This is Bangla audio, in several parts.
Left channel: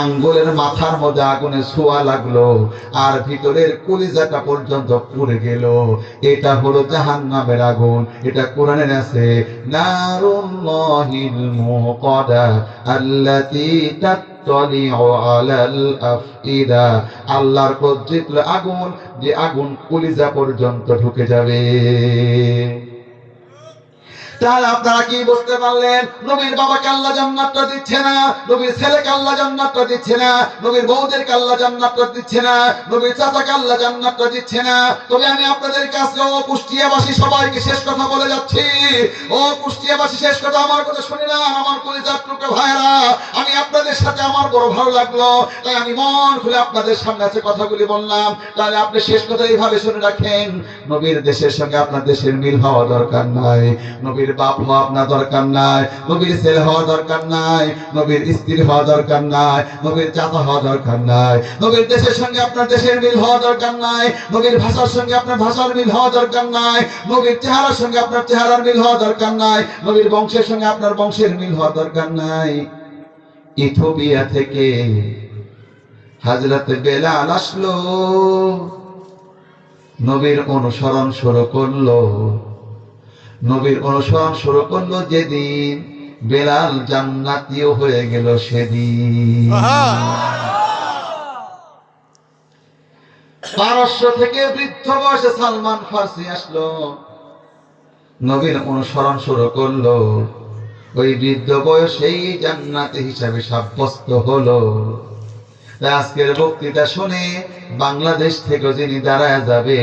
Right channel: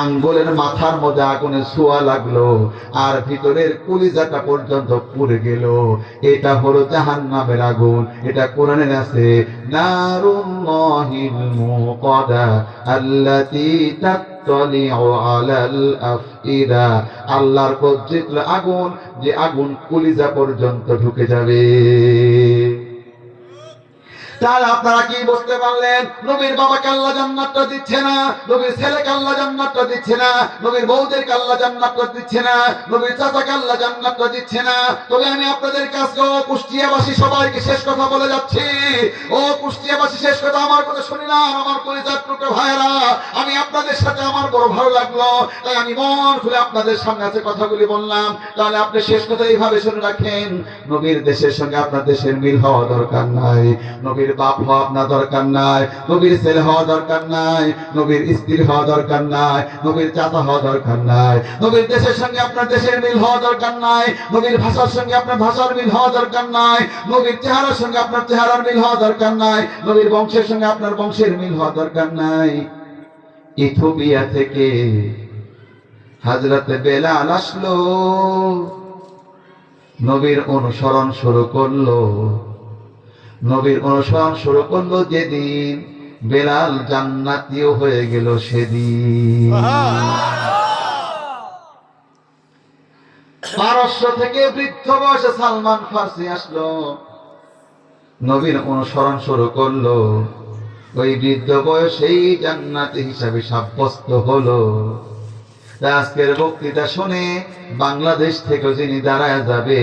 আঙ্গুলের মাথার মধ্যে আগুনে ছোঁয়া লাগল, আর ভিতরের কলিজাটা পর্যন্ত পুড়ে গেল। এটা হলো জাহান্নামের আগুন, এটা কোরআনের আছে, নারুল্লাহিল মুকাদা আল্লাতী আল্লাহর কজ্জিত আগুন, যে আগুন কলিজা পর্যন্ত ঢুকে যাবে। তাহলে আপনারা কি বুঝতে পারলেন? নবীর বাবাকে আল্লাহ জান্নাতটা দিচ্ছে না, নবীর ছেলেকে আল্লাহ জান্নাতটা দিচ্ছে না, নবীর বউদেরকে আল্লাহ জান্নাতটা দিচ্ছে না, নবীর চাচাকে আল্লাহ জান্নাতটা দিচ্ছে না। তবে আমি আপনাদের কাছে, ও কুষ্টিয়াবাসী, সবাইকে শেষ কথা বলে যাচ্ছি। ও কুষ্টিয়াবাসী, শেষ কথা আমার কথা শুনে না, আমার কলিজার টুকরা ভাইরা আমি আপনাদের সাথে আমার বড় ভালো লাগল, তাই আমি মন খুলে আপনাদের সামনে আছে কথাগুলি বললাম। তাহলে আপনি শেষ কথা এইভাবে শুনে রাখেন, নবীর দেশের সঙ্গে আপনার দেশের মিল হওয়া দরকার নাই নবীর বাপ হওয়া দরকার নাই, নবীর ছেলে হওয়া দরকার নাই, নবীর স্ত্রী হওয়া দরকার নাই, নবীর চাচা হওয়া দরকার নাই, নবীর দেশের সঙ্গে আপনার দেশের মিল হওয়া দরকার নাই, নবীর ভাষার সঙ্গে আপনার ভাষার মিল হওয়া দরকার নাই, নবীর চেহারার সঙ্গে আপনার চেহারার মিল হওয়া দরকার নাই, নবীর বংশের সঙ্গে আপনার বংশের মিল হওয়া দরকার নাই। ইথোপিয়া থেকে হাজরতে বেলাল আসলো, নবীর অনুসরণ শুরু করল। নবীর অনুসরণ শুরু করল যেদিন। বেলাল জান্নাতীয় হয়ে গেল সেদিন। পারস্য থেকে বৃদ্ধ বয়সে সালমান ফার্সি আসলো। নবীর অনুসরণ শুরু করল। ওই বৃদ্ধ বয়সেই জান্নাতি হিসাবে সাব্যস্ত হলো। আজকের বক্তৃতা শুনে বাংলাদেশ থেকে যিনি দাঁড়ায় যাবে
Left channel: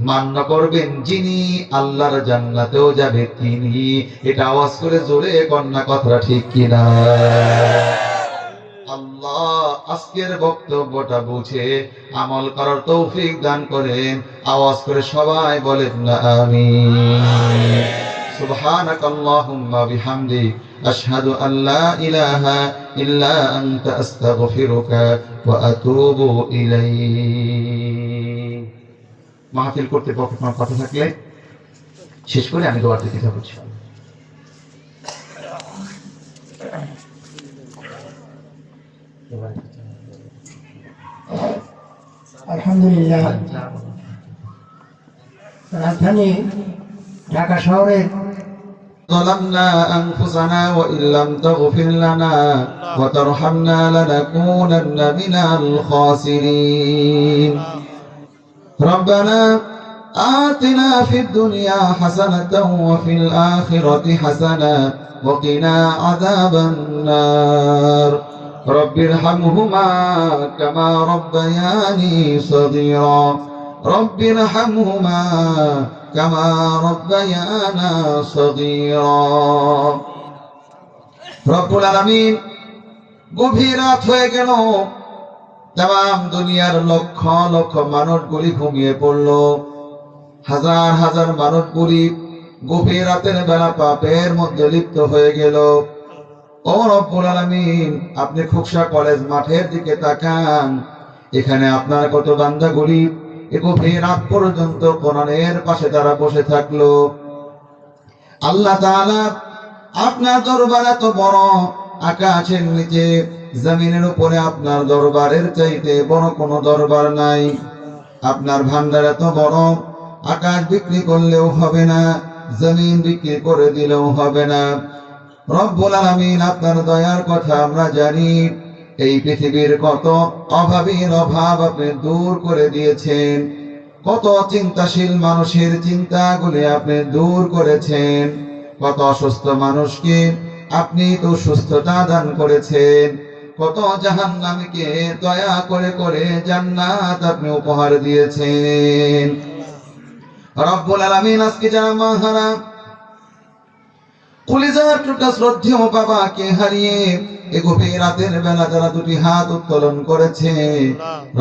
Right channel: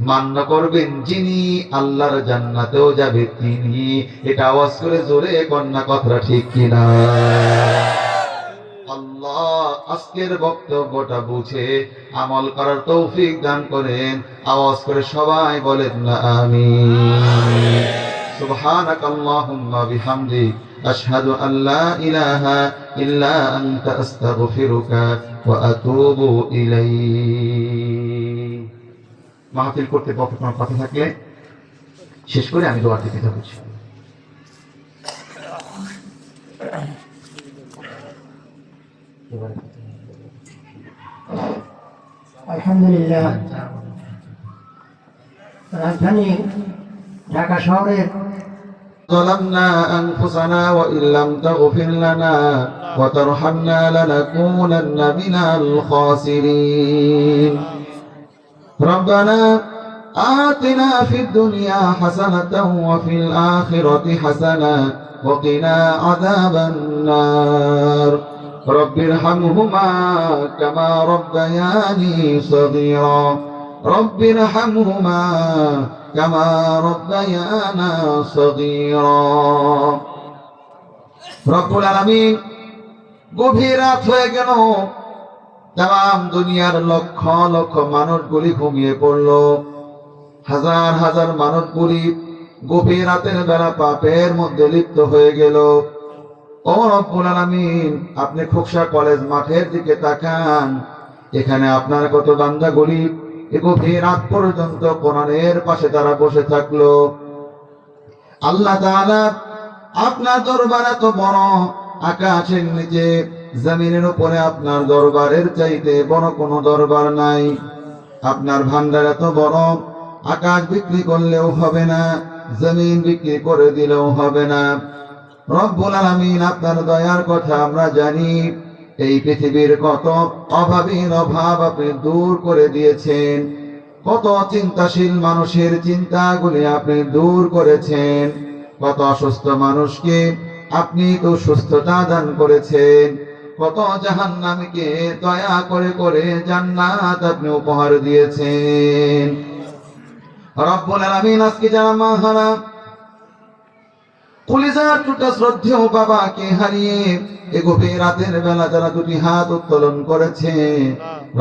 মান্য করবেন যিনি আল্লাহর জান্নাতেও যাবে তিনি এটা আওয়াজ করে জোরে কন্যা কথাটা ঠিক কিনা আল্লাহ আজকের বক্তব্যটা বুঝে আমল করার তৌফিক দান করেন আওয়াজ করে সবাই বলেন না আমি سبحانك اللهم بحمدك أشهد أن لا إله إلا أنت أستغفرك وأتوب إليك মাহফিল করতে পক্ষে কোনো কথা থাকলে শেষ করে আমি দোয়ার দিতে যাবো আলহামদুলিল্লাহ রাজধানী ঢাকা শহরের ظلمنا أنفسنا وإن لم تغفر لنا وترحمنا لنكونن من الخاسرين ربنا آتنا في الدنيا حسنة وفي الآخرة حسنة وقنا عذاب النار رب ارحمهما كما ربياني صغيرا رب ارحمهما كما ربيانا صغيرا رب العالمين গভীর রাত হয়ে গেল তাম দুনিয়ার লক্ষ লক্ষ মানুষগুলি ঘুমিয়ে পড়ল। হাজার হাজার মানুষ গুলি গভীর রাতের বেলা পাপের মধ্যে লিপ্ত হয়ে গেল। আপনি খুকসা কলেজ মাঠের দিকে তাকান। এখানে আপনার কত বান্দাগুলি এ গভীর রাত পর্যন্ত কোরআনের পাশে তারা বসে থাকল। আল্লাহ আপনার দরবার এত বড় আকাশের নিচে জমিনের উপরে আপনার দরবারের চাইতে বড় কোনো দরবার নাই। আপনার ভান্ডার এত বড়, আকাশ বিক্রি করলেও হবে না, জমিন বিক্রি করে দিলেও হবে না। রব্বুল আলামিন আপনার দয়ার কথা আমরা জানি। এই পৃথিবীর কত অভাবীর অভাব আপনি দূর করে দিয়েছেন। কত চিন্তাশীল মানুষের চিন্তাগুলি আপনি দূর করেছেন। কত অসুস্থ মানুষকে আপনি তো সুস্থতা দান করেছেন। কত জাহান্নামীকে দয়া করে করে জান্নাত আপনি উপহার দিয়েছেন। রব্বুল আলামিন আজকে যারা মাহারা কলিজার টুকরা শ্রদ্ধেয় বাবাকে হারিয়ে রাতের বেলা যারা দুটি হাত উত্তোলন করেছে,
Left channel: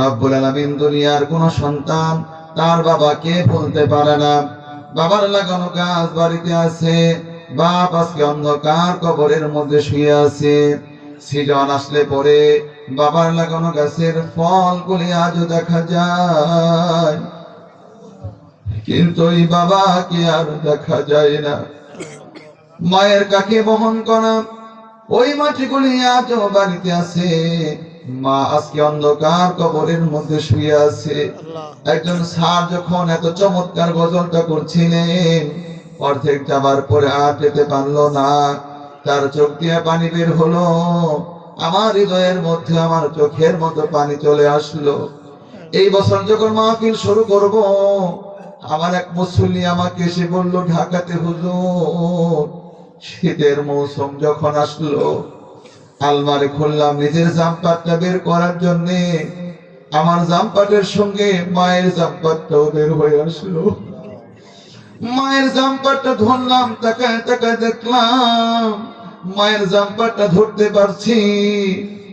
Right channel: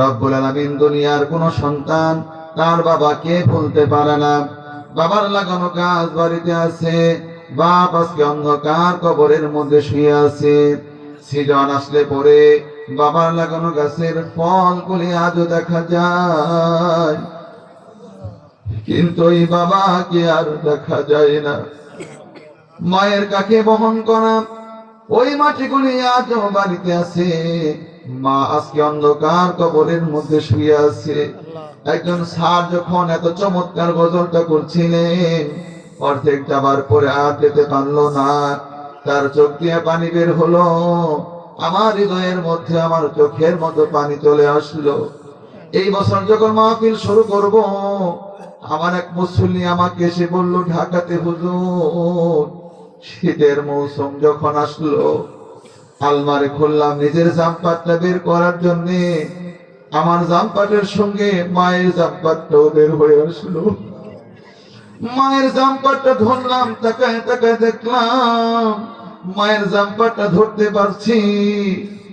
রব্বুল আলামিন দুনিয়ার কোন সন্তান তার বাবাকে বলতে পারে না। বাবার লাগানো গাছ বাড়িতে আছে, বাপ আজকে অন্ধকার কবরের মধ্যে শুয়ে আছে। সিজন আসলে পরে বাবার লাগানো গাছের ফল গুলি আজও দেখা যায়। কিন্তু ওই বাবাকে আর দেখা যায় না। মায়ের কাকে বহন করা? ওই মাটিগুলি আজও বাড়িতে আছে। মা আজকে অন্ধকার কবরের মধ্যে শুয়ে আছে। একজন স্যার যখন এত চমৎকার গজলটা করছিলেন অর্ধেক যাবার পরে আর যেতে পারল না। তার চোখ দিয়ে পানি বের হলো। আমার হৃদয়ের মধ্যে, আমার চোখের মতো পানি চলে আসলো। এই বছর যখন মাহফিল শুরু করব, আমার এক মুসল্লি আমাকে এসে বলল, ঢাকাতে হুজুর, শীতের মৌসুম যখন আসলো, আলমারি খুললাম, নিজের জামপাটটা বের করার জন্যে। আমার জামপাটের সঙ্গে মায়ের জামপাটটাও বের হয়ে আসলো। মায়ের জাম্পারটা ধরলাম তাকায় তাকায় দেখলাম মায়ের জাম্পারটা ধরতে পারছি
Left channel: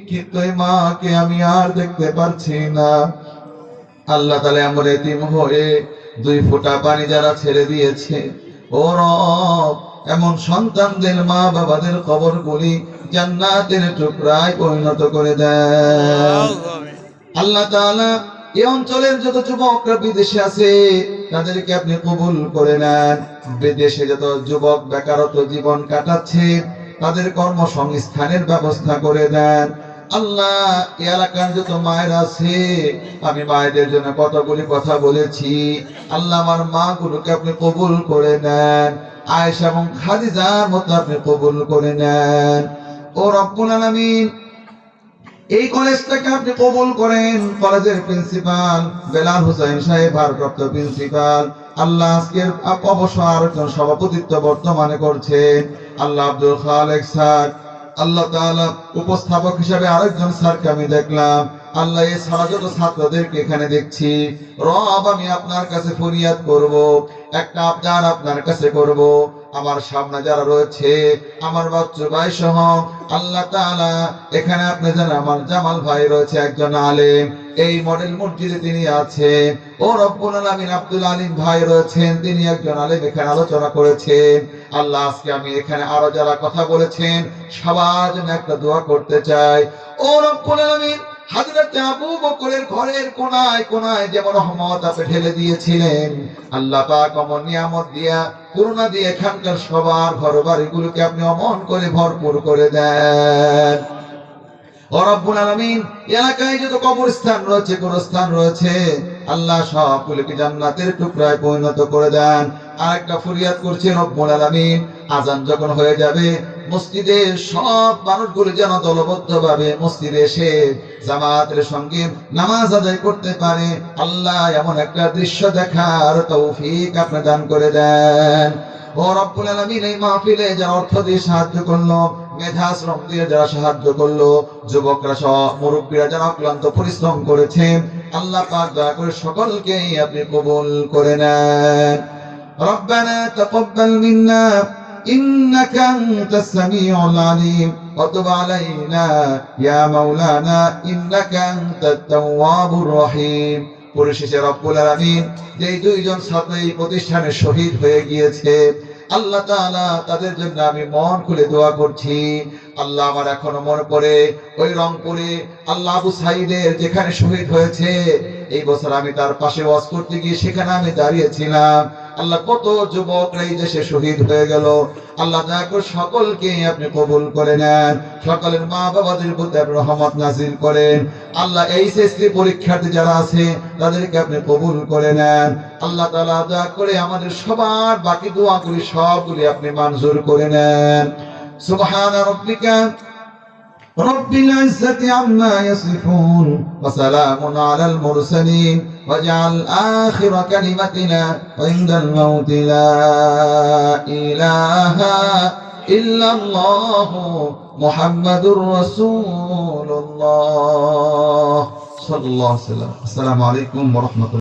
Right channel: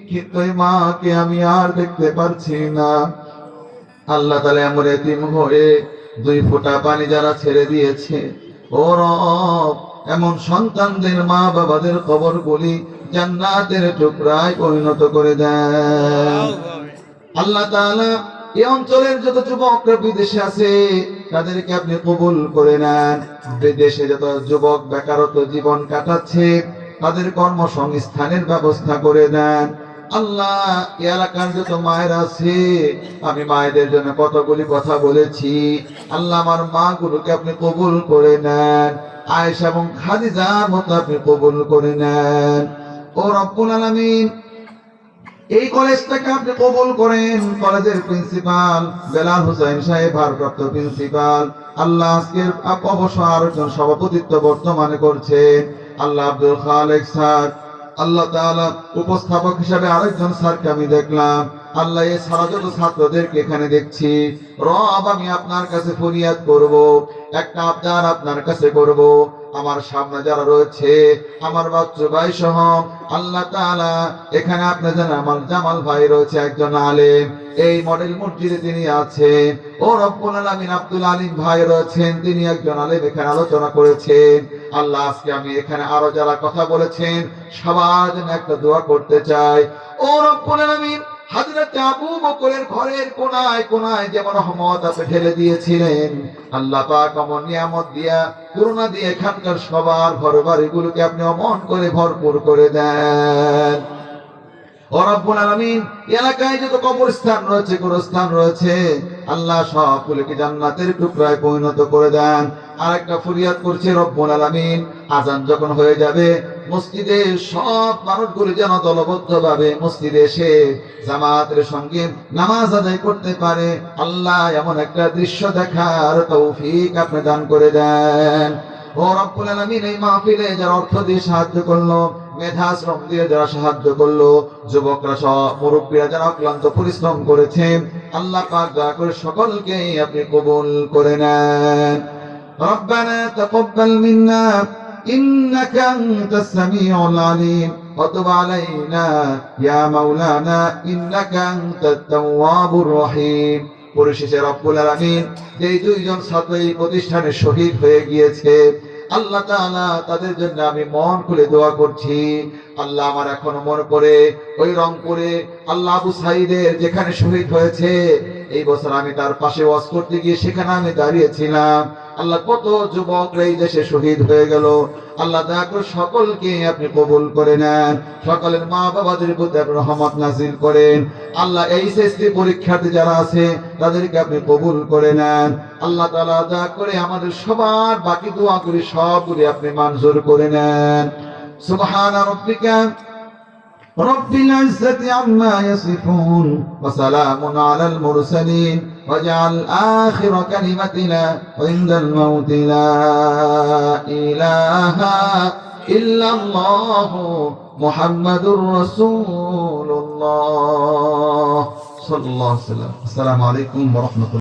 কিন্তু এই মাকে আমি আর দেখতে পারছি না। আল্লাহ তালা এমন এতিম হয়ে দুই ফোঁটা পানি যারা ছেড়ে দিয়েছে ও রব এমন সন্তানদের মা বাবাদের কবর গুলি জান্নাতের টুকরায় পরিণত করে দেয় আল্লাহ তাআলা এই অঞ্চলের যত যুবকরা বিদেশে আছে, তাদেরকে আপনি কবুল করে নেন। বিদেশে যত যুবক বেকারত্ব জীবন কাটাচ্ছে, তাদের কর্মসংস্থানের ব্যবস্থা করে দেন। আল্লাহ এলাকার যত মায়ের আছে, আমি মায়েদের জন্য কতগুলি কথা বলেছি। আল্লাহ আমার মা গুলোকে আপনি কবুল করে নেন। আয়েশা এবং খাদিজার মতো আপনি কবুল করে নেন। ও রব্বুল আলামিন এই কলেজটাকে আপনি কবুল করেন। কলেজের প্রিন্সিপাল বেলাল হুসাইন সাহেব, ভারপ্রাপ্ত প্রিন্সিপাল। আল্লাহ আজকের অবসর সভাপতিত্ব বর্তমানে করছেন। আল্লাহ আব্দুল খালেক স্যার। আল্লাহ তাআলা উপস্থাপক হিসাবে আরেকজন স্যারকে আমি দেখলাম। আল্লাহ এই সারা যত ছাত্রদেরকে এখানে দেখছি, রব আমি আপনার কাছে ফরিয়াদ করব, একটা আবদার আপনার কাছে করব। আমার সামনে যারা রয়েছে, আমার বাচ্চু ভাই সহ আল্লাহ তাআলা এখানে আপনি জানেন আমার জামাল ভাই রয়েছে একজন আলেম। এই মডেল মসজিদে তিনি আছেন। ও রব্বুল আলামিন আব্দুল আলিম ভাই রয়েছেন, তিনি একজন আলেম এখানে আলোচনা করেছেন। আল্লাহ আজকে আমি এখানে আরও যারা কথা বলেছেন, সবার জন্য একটা দোয়া করতে চাই। ও রব্বুল আলামিন হাজরত আবু বকরের ঘরের কোনায় কোনায় যেমন রহমত আপনি ঢেলে দিয়েছিলেন, আল্লাহ পাক অমন নিয়ামত দিয়া, করুণা দিয়ে এখানকার সবার ঘর বাড়িগুলোকে আপনি অমন করে ভরপুর করে দেন। অরব্বুল আলমিন, এলাকায় যত কবরস্থান রয়েছে, গোরস্থান রয়েছে আল্লাহ সবগুলোকে জান্নাতের টুকরায় পরিণত করে দেন। আর একটা ফরিয়াদ করছে রব্বুল আলামিন। আজান যখন হয়ে যাবে, মসজিদে সব মানুষগুলো যেন দলবদ্ধ ভাবে মসজিদে এসে জামাতের সঙ্গে নামাজ আদায় করতে পারে। আল্লাহ এমন একটা দৃশ্য দেখার তৌফিক আপনি দান করে দেন। ও রব্বুল আলামিন, এই মাহফিলে যারা অর্থ দিয়ে সাহায্য করল মেধা শ্রম দিয়ে যারা সাহায্য করলো যুবকরা সহ মুরব্বীরা যারা ক্লান্ত পরিশ্রম করেছেন আল্লাহ পাক দয়া করে সকলকেই আপনি কবুল করে নেন ربنا تقبل منا إنك أنت السميع العليم وتب علينا يا مولانا إنك أنت التواب الرحيم পরিশেষে রব্বুল আলামিন যেই দুইজন ছাত্র এই প্রতিষ্ঠানে শহীদ হয়ে গিয়েছে আল্লাহ তাআলা তাদের জন্য আমি মন খুলে দোয়া করছি। আল্লাহ আমার এখনও মনে পড়ে, ওই রংপুরে আল্লাহ আবু সাইদের যেখানে শহীদ হয়েছে এই বছর আমি তার পাশে ওয়াজ করতে গিয়ে সেখানে আমি দাঁড়িয়েছিলাম। আল্লাহ কত যুবক এই দেশে শহীদ হয়ে গেল। আল্লাহ করে সকলকে আপনি কবুল করে নেন। সকলের মা বাবাদের প্রতি আপনি রহমত নাজিল করেন। আল্লাহ এইচএসসি পরীক্ষার্থী যারা আছে, তাদেরকে আপনি কবুল করে নেন। আল্লাহ তাআলা দয়া করে আমাদের সবার বাকি দোয়া করি সবগুলি আপনি মঞ্জুর করে নেন। সুবহান রাব্বিকা। رب العزة عما يصفون وسلام على المرسلين. واجعل آخر كلمتنا عند الموت لا إله إلا الله محمد رسول الله. صلى الله عليه وسلم. السلام عليكم ورحمة الله.